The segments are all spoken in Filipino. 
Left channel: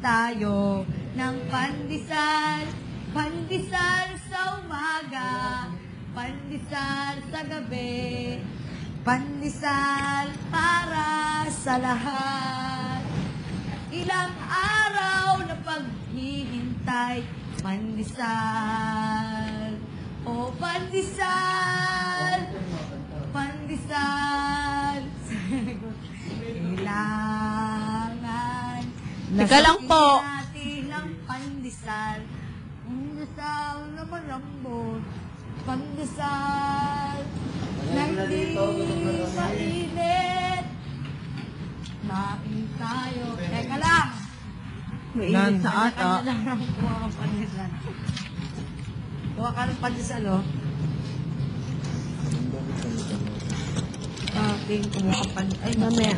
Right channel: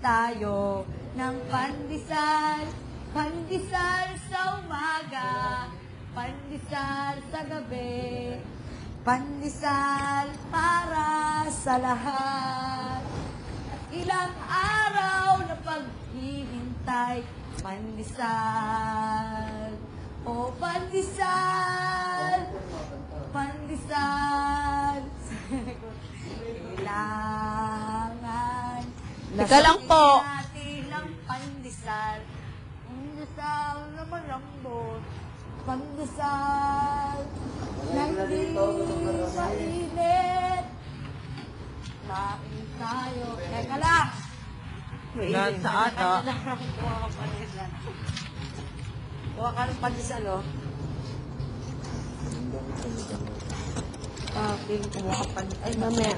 tayo ng pandesal. Pandesal sa umaga, pandesal sa gabi, pandesal para sa lahat. Ilang araw na paghihintay, pandesal, o pandesal, pandesal. Kailangan Teka lang po. natin ng pandesal. Pandesal na malambot, pandesal na hindi mainit. Kain tayo. Teka lang. Mainit na ata. Kuha kang pandesal. Kuha ka ng pandesal, oh. Okay, kumuha ka pandesal. Ay, mamaya.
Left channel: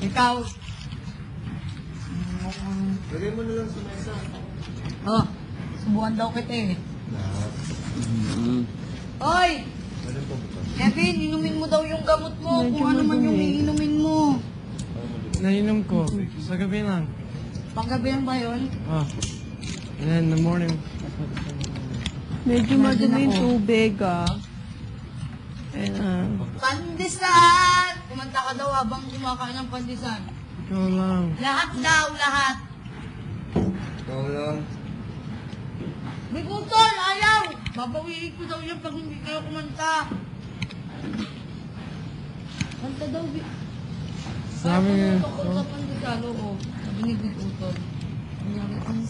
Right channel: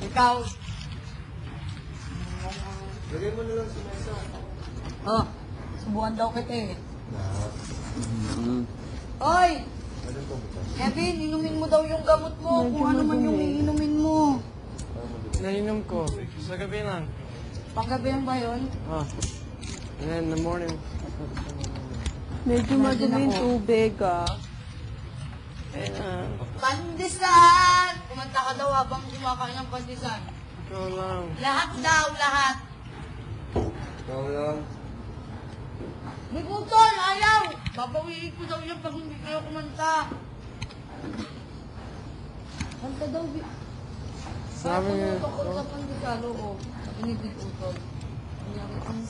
Ikaw. Lagay mo na lang sa mesa. Oh, subukan daw kita eh. Hoy! Kevin, inumin mo daw yung gamot mo. Kung ano man yung iinumin mo. Nainom ko. Sa gabi lang. Panggabihan ba yun? Ah. And then in the morning. Medyo madumi yung tubig, ah. Pandesal! Kumanta ka daw habang kumakain ng pandesal. Ikaw lang. Lahat daw, lahat. Ikaw lang. May utol, ayaw! Babawiin ko daw yan pag hindi kayo kumanta. Kanta daw. Sabi nga. Tungkol sa pandesal, oo. Nabinig ni utol. Ang